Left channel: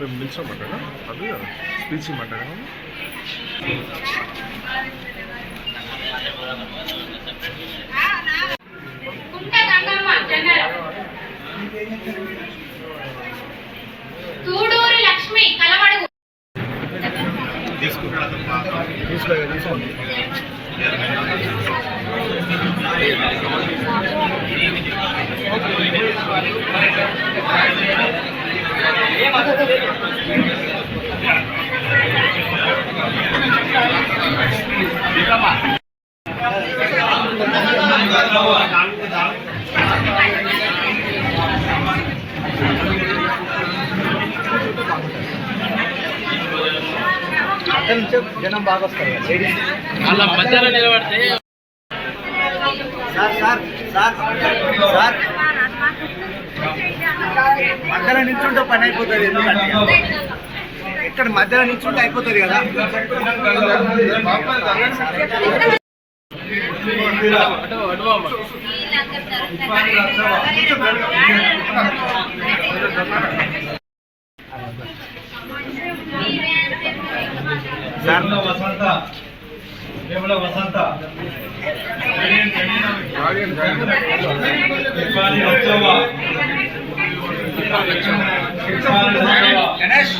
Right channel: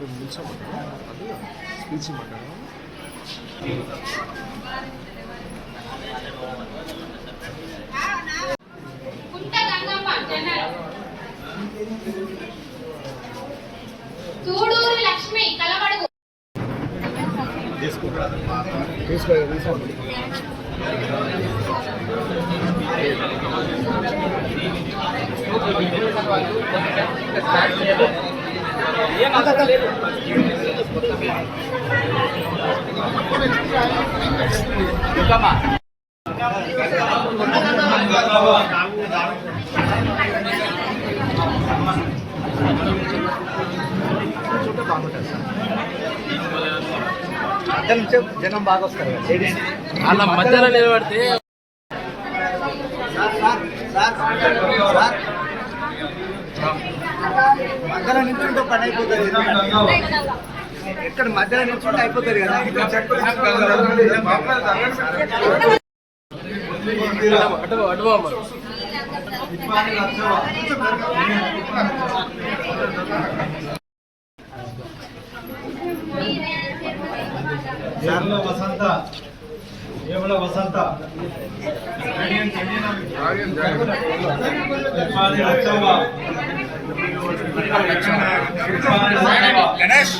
మేము నిల్చోమంటారా అది స్పీచ్ ఇమ్మంటారా తూడూరి లక్ష్మి కలమడుగు తీసుకోండి అక్కడ నుంచి జనం బాగా వస్తారు మధ్యలో నిల్చుంటే పని అయిపోతుంది ఇక్కడ మధ్యలో నిల్చుంటే అయిపోతుంది కదా వసంత కేవల వసంత గణేష్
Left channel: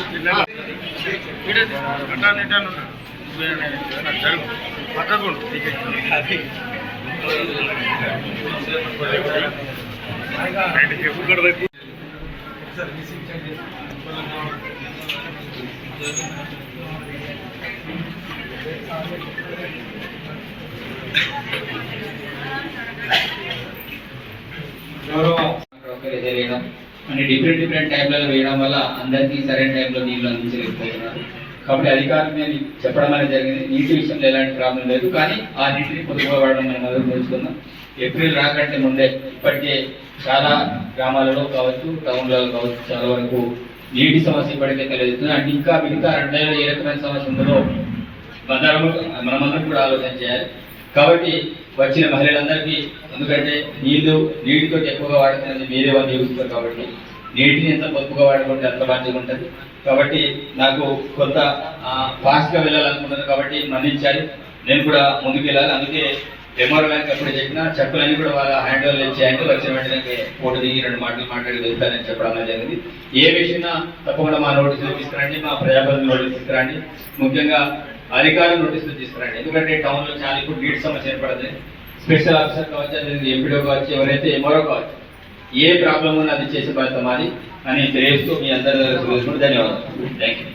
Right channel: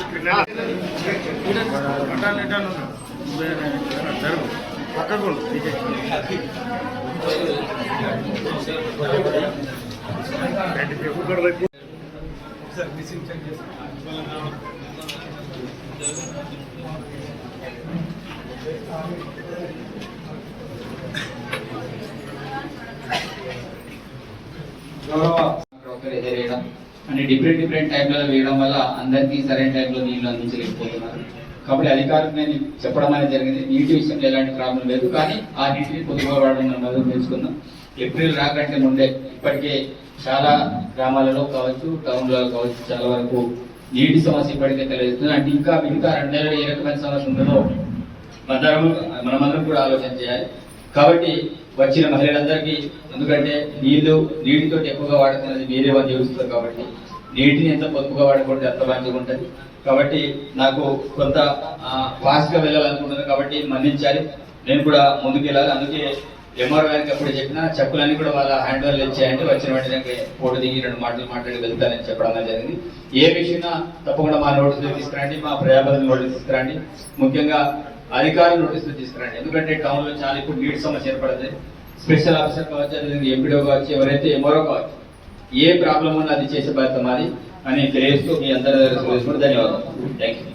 అని డిఫరెంట్ టైంలలో వేయడం వల్ల అందరికీ సరైన టైంలో నీళ్లు అందించలేకపోతున్నారు. కాబట్టి అధికారులు నేను చెప్పడం అనేది జరిగింది. నీటి విషయంలో ఎలాంటి ప్రాబ్లం లేదు, కానీ ఆ నీటిని పొదుపుగా వాడడం మనం మొదలు తెలుసుకుందాం. ఏప్రిల్ రాకంటే ముందే ఇప్పటికే చాలా గ్రామాలలో కావచ్చు, టౌన్లలో కావచ్చు, చాలా వరకు నీటి సమస్య ఇప్పటికే తెలియజేస్తుంది. అంటే ఇంకా మిగతా 2 ఏ రకమైన సమస్య ఉంటుందో మనమందరం కూడా ఆలోచన చేయాలి. కాబట్టి వచ్చిన మహిళలందరికీ, ఎందుకంటే నీటితో ఎక్కువగా వాడుతున్నది వేరే వాళ్ళు చూస్తారు, కాబట్టి నీటిని ఎంత పొదుపుగా వాడుకుంటే అంత మంచిగా ఉంటుంది. కాబట్టి నాకు కొంత ఫాస్ట్గా వెళ్ళాలనుకుంటున్నాను, కాబట్టి మన్నించాలి. నేను కూడా ముందుకు వెళ్ళాలి. అందుకే ఎంఆర్ గారికి అప్పుడు చెప్పిన చెక్కులన్నీ కూడా వాళ్ళ హ్యాండ్ ఓవర్ ఇచ్చేయండి, వచ్చిన వెంటనే ఫోటో దిగి 2 మాటలు మాట్లాడి వెళ్తానని చెప్పడం జరిగింది. ఏ విషయంలో తప్పకుండా మా నోటీసులు తీసుకురండి, మా ప్రజాప్రతినిధులు నోటీసులు తీసుకురండి, ముఖ్యంగా అధికారులు నోటీసులు తీసుకురండి. ఎందుకంటే టౌన్లో చాలా ఇప్పుడు నీటి సమస్య ఏర్పడుతుంది. స్పెషల్ ఆఫీసర్ కావచ్చు, అదేవిధంగా ఎంపీడో కావచ్చు, ఎవరైతే ఎంఆర్ఓ కావచ్చు, ఏ ప్రాబ్లం ఉన్నా అది చేసే బాధ్యత మాది అని తెలియజేస్తూ మీ అందరూ ధన్యవాదాలు. Thank you.